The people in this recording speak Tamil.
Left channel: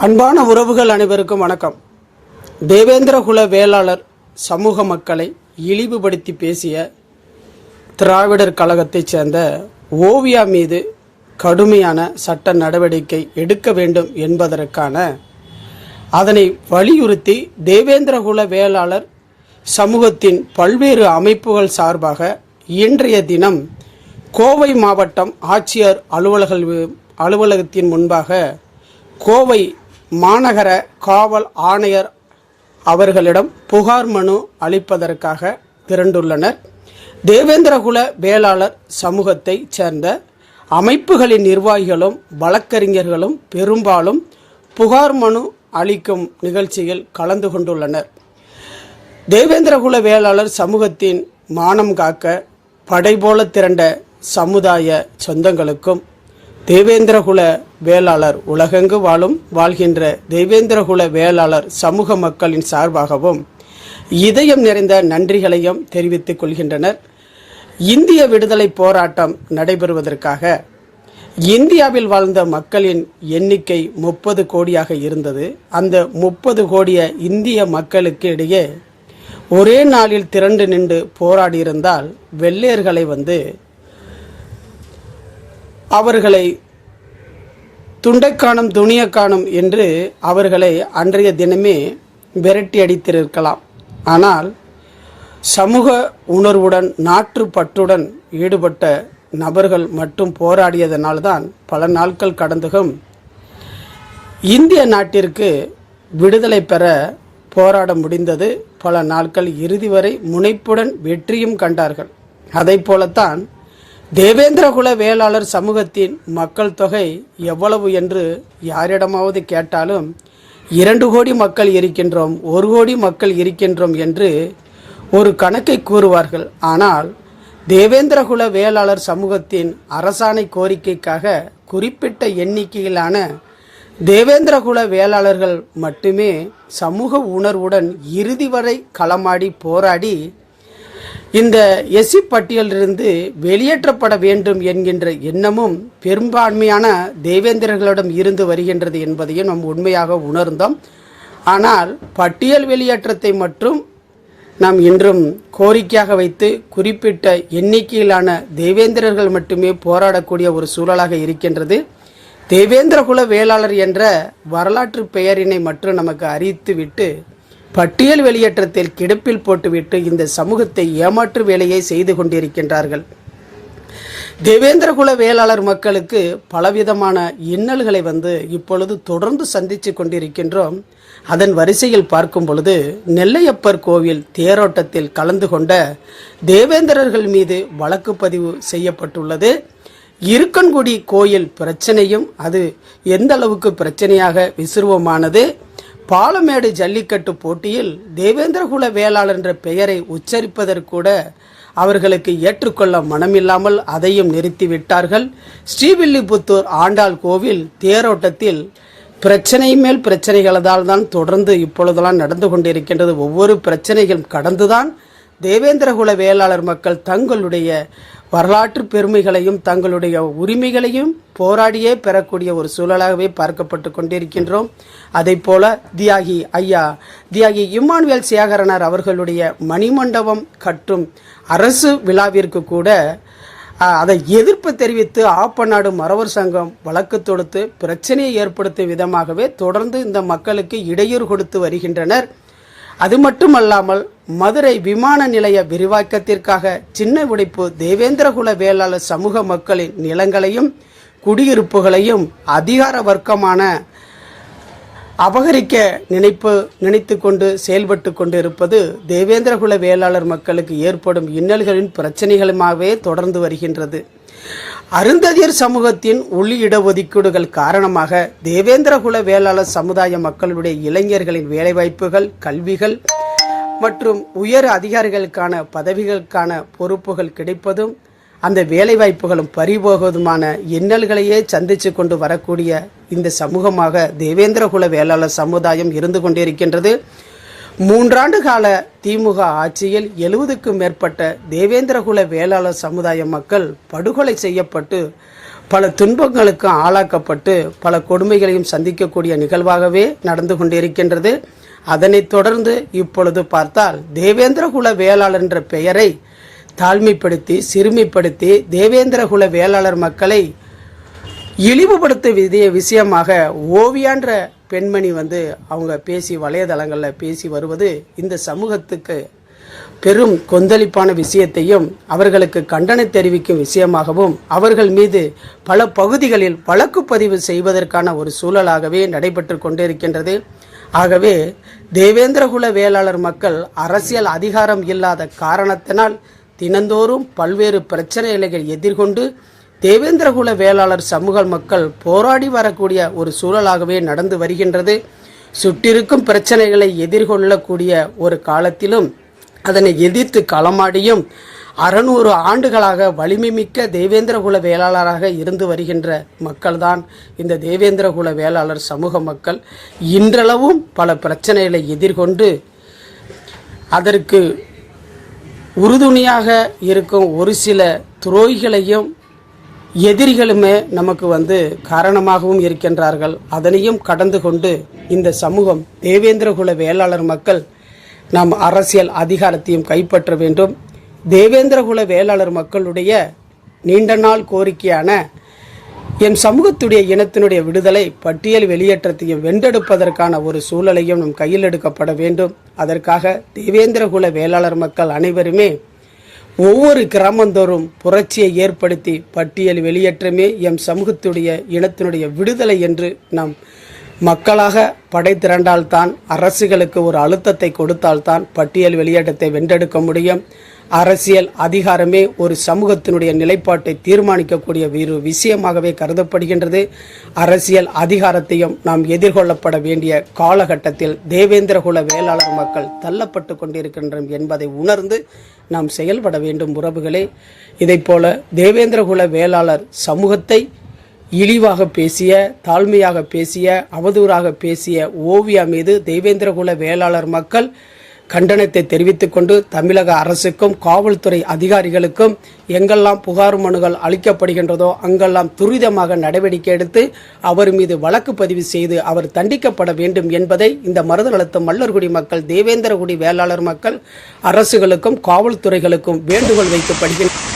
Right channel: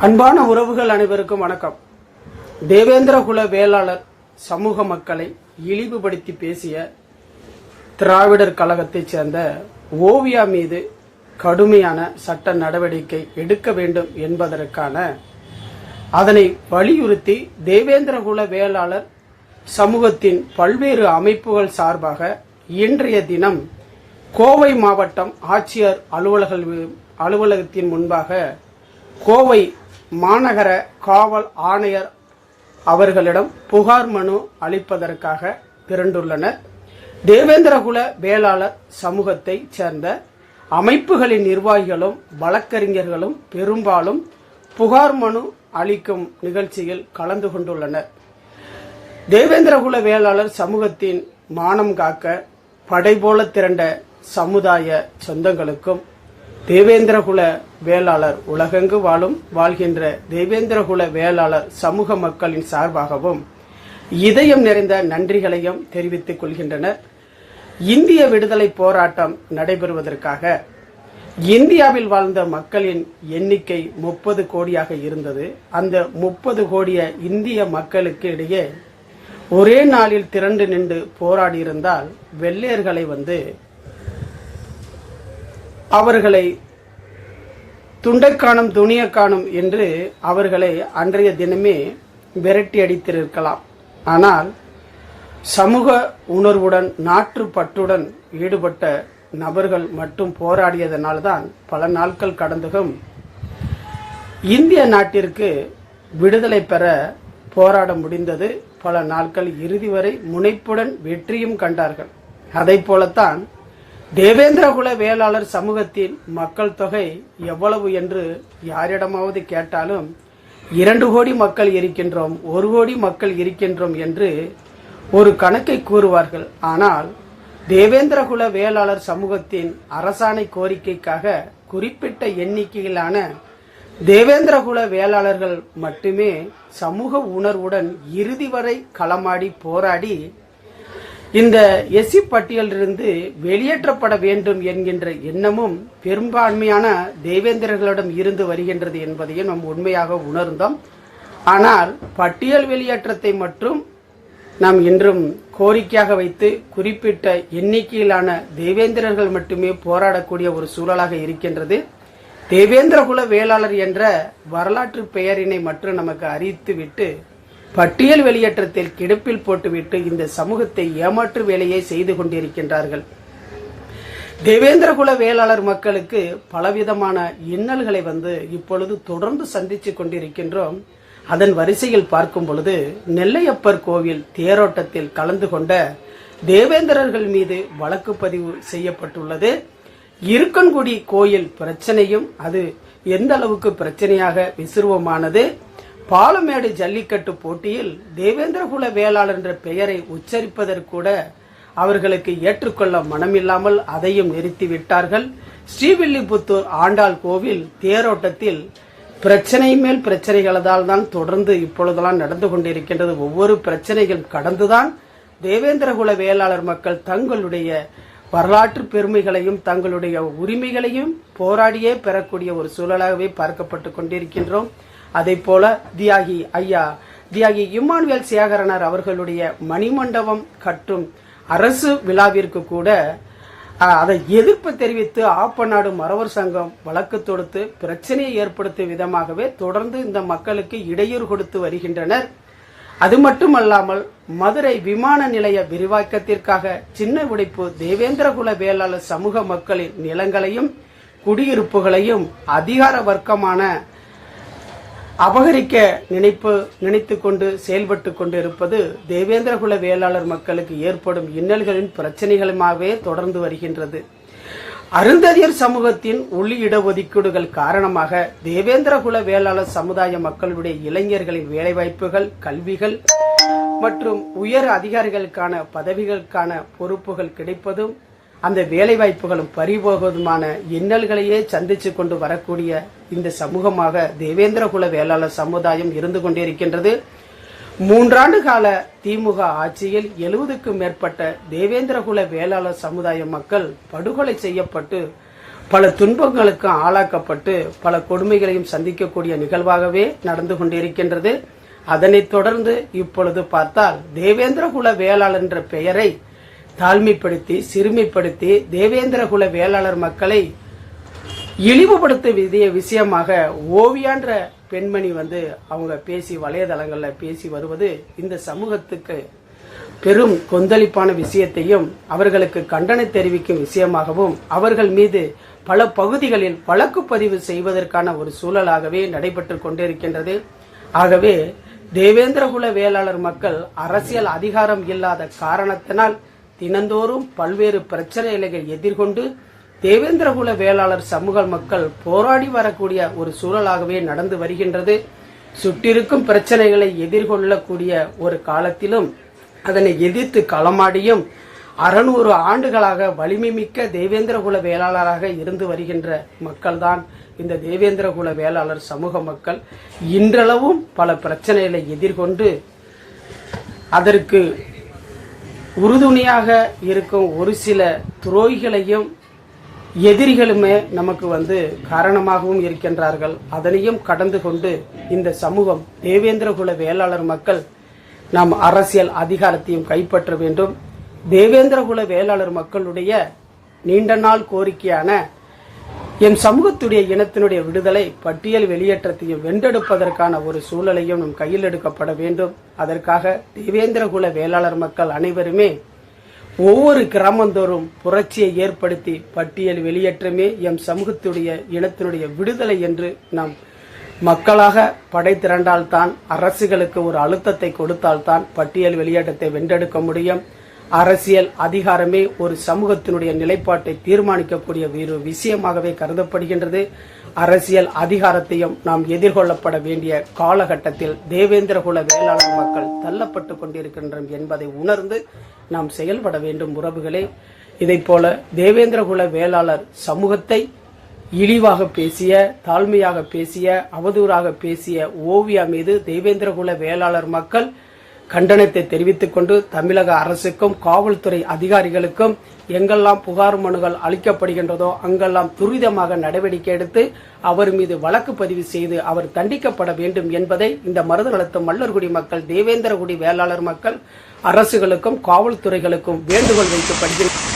அன்பான உறவுகள் அனைவருக்கும் வணக்கம். தேவேந்திர குல வேளாளர் சமூக மக்களை இழிவுபடுத்தி பேசிய திராவிடர் கழகத்தைச் சேர்ந்த ஓவியா மீது கடுமையான சட்ட நடவடிக்கை எடுக்க வேண்டும் என்பதற்கான அதனை வலியுறுத்தி தேவேந்திர குல வேளாளர் சமூகத்தின் பல்வேறு அமைப்புகள் சார்பாக இன்றைய தினம் கோவை மாவட்டம் ஆட்சியர் அலுவலக அலுவலகத்தின் முன்பாக கோவை மாநகர காவல் ஆணையர் அவர்களிடம் புகார் மனு அளிப்பதற்காக திரண்டுள்ளனர். தேவேந்திரகுல வேளாளர் சமூகத்தைச் சேர்ந்த அமைப்புகளின் நிர்வாகிகளும் வழக்கறிஞர்களும் பெரும்பாலும் புகார் மனு அளிக்கும் நிகழ்ச்சியில் கலந்து கொண்டுள்ளனர். தேவேந்திரகுல வேளாளர் சமூகத்தின் மானம் காக்க படை போல திரண்ட சமுதாய சொந்தங்களுக்கும் தேவேந்திரகுல வேளாளர் உலகெங்கு வாழும் வாழ்கின்ற தேவேந்திரகுல வேளாளர் சமூக மக்களின் சார்பாகவும் இதயம் நிறைந்த நன்றிகளையும் தெரிவித்துக் கொள்கின்றனர். இந்திய விடுதலை போராட்டம் நடைபெறுவதற்காக இந்தியாவில் வாழ்ந்த மக்களின் எண்ணிக்கை முப்பது கோடியாக இருந்தது. அந்த முப்பது கோடிய இந்திய மக்களுக்கு இடையே ஒரே நாளில் திரண்டு நின்று போராடியிருந்தால் வெள்ளையர்களை வந்து அவர்களை துண்டைக்காணும் துணியக்காணும் என்று அவர்களை அன்றைய தினமே விரட்டி அடித்திருக்கலாம். ஆனால் சமூக உணர்வுடன் நாட்டுப்பற்றுடன் ஈடுபட்ட நபர்கள் மட்டும் போராடியதனால்தான் பல நாட்கள் கடந்தும் இந்திய நாட்டிற்கு விடுதலை பெற போராட முடிந்தது. பல நாட்கள் இறுதி வரை முனைப்புடன் வெற்றியும் கண்டார்கள். அதை போலத்தான் தேவேந்திரகுல வேளாளர் சமூகத்தின் மக்கள் தொகை எவ்வளவு என்று யாரிடமாவது கேட்டாலும் இரண்டு கோடி மக்கள் இருக்கின்றோம் ஒரு கோடி மக்கள் இருக்கின்றோம் என்று ஒரு கணக்கை கூறுவார்கள். ஆனால் தேவேந்திரகுல வேளாளர் சமூகத்தின் அரசாணை கோரிக்கைக்காக குறிப்பிட்ட எண்ணிக்கையிலான தேவேந்திரகுல வேளாளர்கள் மட்டுமே சமூக உணர்வுடன் இறுதி வரை களமாடி போராடி இந்த எஸ்சி பட்டியலிருந்து வெளியேற்றப்பட வேண்டும் என்கின்ற எண்ணமும் பெரும்பான்மையான தேவேந்திரர்களிடம் இருந்து வருகின்றது என்பதையும் நாம் உண்மையாக உணர்ந்தோம். ஆனால் பட்டியல் வெளியேற்றத்தை மட்டும் நாம் இன்றும் கோரிக்கையாக வைத்து குறிப்பிட்ட எண்ணிக்கையிலான தேவேந்திரர்கள் மட்டுமே போராடக்கூடிய ஒரு சூழலாக இருக்கின்றது. தேவேந்திரகுல வேளாளர் என்ற வரலாற்று பெயரினை மட்டும் நமக்கு அறிவித்துவிட்டு பட்டியல் வெளியேற்றத்தில் கிடப்பில் போட்டுவிட்டு இந்த சமூகத்தை ஏமாற்று வேலையை செய்து கொண்டிருக்கின்றார்கள். தேவேந்திரகுல வேளாளர் மக்களுக்கு பலவிதமான இன்னல்களை வந்து இப்பொழுது தொடர்ந்து சந்தித்து கொண்டிருக்கின்றோம். அதன் வரிசையில் பார்க்கும் பொழுது நெல்லையப்பர் கோவில் தேரோட்டத்தில் கலந்து கொண்ட தேவேந்திரர்கள் மீது வழக்கு பதிவு செய்யப்பட்டுள்ளது. இருக்கன்குடி கோயில் பிரச்சனையும் அது எந்த அளவுக்கு பிரச்சனையாக விசுருவமானது? பாலமேடு ஜல்லிக்கட்டு போட்டியில் தேவேந்திரகுல வேளாளர் என்ற பெயரை உச்சரிப்பதற்கூட அவர்களுக்கு ஏற்றுக்கொள்ள மனமில்லாமல் அதையும் நிறுத்திவிட்டார்கள். ஸ்ரீவில்லிபுத்தூர் ஆண்டாள் கோவில் தேரோட்டத்தில் பிரச்சனை மேல் பிரச்சனைகளால் தான் தொடர்ந்து இப்பொழுதெல்லாம் நடந்து கொண்டிருக்கின்றது. ஒவ்வொரு பிரச்சனைகளும் கடந்துதான் தேவேந்திரகுல வேளாளர் மக்கள் தங்களுடைய வரலாற்று பெருமைகளையும் தங்களுடைய உரிமைகளையும் போராடியே பெறக்கூடிய ஒரு சூழலாகவே பார்க்கப்பட்டு கொண்டிருக்கின்றோம். அதை போல தியாகி ஐயா தியாகி இம்மானுவேல் சேகரனார் அவர்களுடைய மணிமண்டபம் கட்டும் அரசு விழாவிற்கு கூட அதை எதிர்ப்பு தெரிவித்து ஆப்பநாடு மறவர் சங்கம் வழக்கு தொடுத்து பிரச்சனையை ஏற்படுத்தும் விதமாகவே தொடர்ந்து இந்த மக்களுக்கு இடையூறு கொடுத்து வருகின்றனர். அது மட்டுமல்லாமல் மதுரை விமான நிலைய விரிவாக்கத்திற்காக சின்ன உடைப்பு தேவேந்திரகுல வேளாளர் சமூக மக்களின் நிலங்களையும் குடியிருப்புகளையும் அதிகார வர்க்கமான அபகரிக்க நினைப்பு நினைத்து கொண்டு செயல்பட்டு கொண்டிருப்பது தேவேந்திரகுல வேளாளர் மக்களுக்கு ஏற்படும் இன்னல்களின் பிரச்சனைகளுமாகவே தொடர்ந்து வருகின்றது. அருந்ததியர் சமூகத்தின் உள்ளி இடஒதுக்கீடுகள் காரணமாக தேவேந்திரகுல வேளாளர் சமுதாய மக்களுடைய இளைஞர்களின் வேலைவாய்ப்புகள் கல்விகள் மற்றும் உயர் அதிகாரிகளுக்கான பதவிகளுக்கான பொறுப்புகள் கிடைப்பதும் அந்த வேலைவாய்ப்புகளும் பறிபோகுவதுமான இன்னல்களையே சந்தித்து கொண்டு வரக்கூடிய இந்த சமூகமாக தேவேந்திரகுல வேளாளர் சமுதாயம் இருந்து கொண்டிருக்கின்றது. மூன்றாண்டு கால திமுக ஆட்சியில் எழுபதுக்கும் மேற்பட்ட தேவேந்திரகுல வேளாளர் சமுதாய மக்கள் படுகொலை செய்யப்பட்டு பல துன்பங்களுக்கும் ஆளாக்கப்பட்டு பல கொடுமைகளையும் சந்திக்கக்கூடிய நிகழ்வாகவே நடந்து கொண்டிருக்கின்றது. அதனைத் தொடர்ந்து இப்பொழுது பார்த்தால் தேவேந்திரகுல வேளாளர் என்ற பெயரை தாழ்மைப்படுத்தி சிறுமைப்படுத்தி தேவேந்திரகுல வேளாளர் மக்களை இழிவுபடுத்த விதிய விஷயமாக ஓவியான்ற பெண்மணி வந்து அவங்க பேசி வலைதளங்களில் பேசி வருவது இந்த சமூகத்துக்கு பெரும் கொந்தளிப்பான விஷயத்தையும் அவர்களுக்கு கண்டனம் தெரிவிக்கும் விஷயமாகவும் அவர்கள் மீது பல பகுதிகளில் வழக்கு பதிவு செய்வதற்கான ஒரு சூழலாகவே நடைபெற்று கொண்டிருக்கின்றது. ஆகவே தேவேந்திரகுல வேளாளர் மக்கள் அரசியல் அதிகாரம் இல்லாத காரணத்தினால் தினந்தோறும் பல்வேறு பிரச்சனைகளை எதிர்கொண்டு தேவேந்திரகுல வேளாளர் சமூக மக்கள் போராடி வரக்கூடிய ஒரு சூழலாகவே நடந்து வருகின்றது. சுற்றிருக்கும் பிரச்சனைகளை எதிர்கொள்ளக்கூடிய ஒரு காலத்திலும் அதனை எதிர்த்து களமாடியும் அறநூறு ஆண்டுகளாக வலிமை மிக்க தேவேந்திரகுல வேளாளராக இருந்து வருகின்ற மக்கள்தான் இந்த தேவேந்திரகுல வேளாளர் சமூக மக்கள். இன்றளவும் பல பிரச்சனைகளை எதிர்கொண்டு அதற்கு உறுதுணையாக இருக்கும் ஒரு சில துரோகிகளையும் எதிரிகளுமே நமக்கு வந்து காரணமாகவும் இருக்கின்றார்கள். அதனையும் கடந்து கொண்டு இந்த சமூகம் தேவேந்திரகுல வேளாளர் மக்கள் நாம் அரசியல் அதிகாரத்தையும் கைப்பற்ற வேண்டும். தேவேந்திரகுல வேளாளர் மக்களுடைய நீண்ட நாள் கோரிக்கையான என் சமூகத்துடைய இனத்தினுடைய விடுதலை பட்டியல் வெளியேற்றத்தையும் வென்றெடுப்பதற்கான ஒரு சூழலையும் நம் கையில் எடுக்கப்பட வேண்டும். அதற்காக தேவேந்திரகுல வேளாளர் மக்கள் அனைவருமே ஒவ்வொரு கிராமந்தோறும் புரட்சியை ஏற்படுத்தி பட்டியல் வெளியேற்றமே எம் சமூகத்துடைய இனத்தினுடைய விடுதலை என்று நாம் மக்களாக படை திரண்டால்தான் அரசுகளுக்கு ஒரு அழுத்தத்தை கொடுத்தால்தான் பட்டியல் வெளியேற்றத்தை வென்றெடுக்க முடியும். அரசியல் அதிகாரமே ஒரு சமூகத்தினுடைய நிலைப்பாட்டை தீர்மானிக்கக்கூடிய ஒரு விஷயமாகவே கருதப்படுகின்றது. அரசியல் அதிகாரத்தையும் நாம் எதிர்கொள்ளப்பட வேண்டிய காலகட்டத்தில் தேவேந்திரகுல வேளாளர் மக்கள் தள்ளப்பட்டு கொண்டிருக்கின்றோம் என்பதை உணர்ந்து நாம் செயல்பட வேண்டும் உறவுகளே. இதைப்போல தேவேந்திரகுல வேளாளர் சமூகத்தை இழிவாக பேசிய தாழ்மையாக பேசிய அவதூறாக பேசிய ஓவியா மீது தேவேந்திரகுல வேளாளர் மக்கள் கண்டனத்தை தெரிவித்துக் கொண்டு தமிழக அரசுக்கும் காவல்துறை அதிகாரிகளுக்கும் எங்கெல்லாம் புகார் மனுகள் அளிக்கப்படுகின்றதோ அங்கெல்லாம் துரிதமாக நடவடிக்கை எடுத்து அவர் மீது வழக்கு பதிவு செய்து அவர் தண்டிக்கப்பட வேண்டும் என்பதை இந்த மருதநலத்து மல்லர்குடி மக்கள் தேவேந்திரகுடி வேளாளர் மக்கள் அரசுகளுக்கும் காவல்துறைகளுக்கும் வேண்டுகோள் வைக்கப்படுகின்றனர்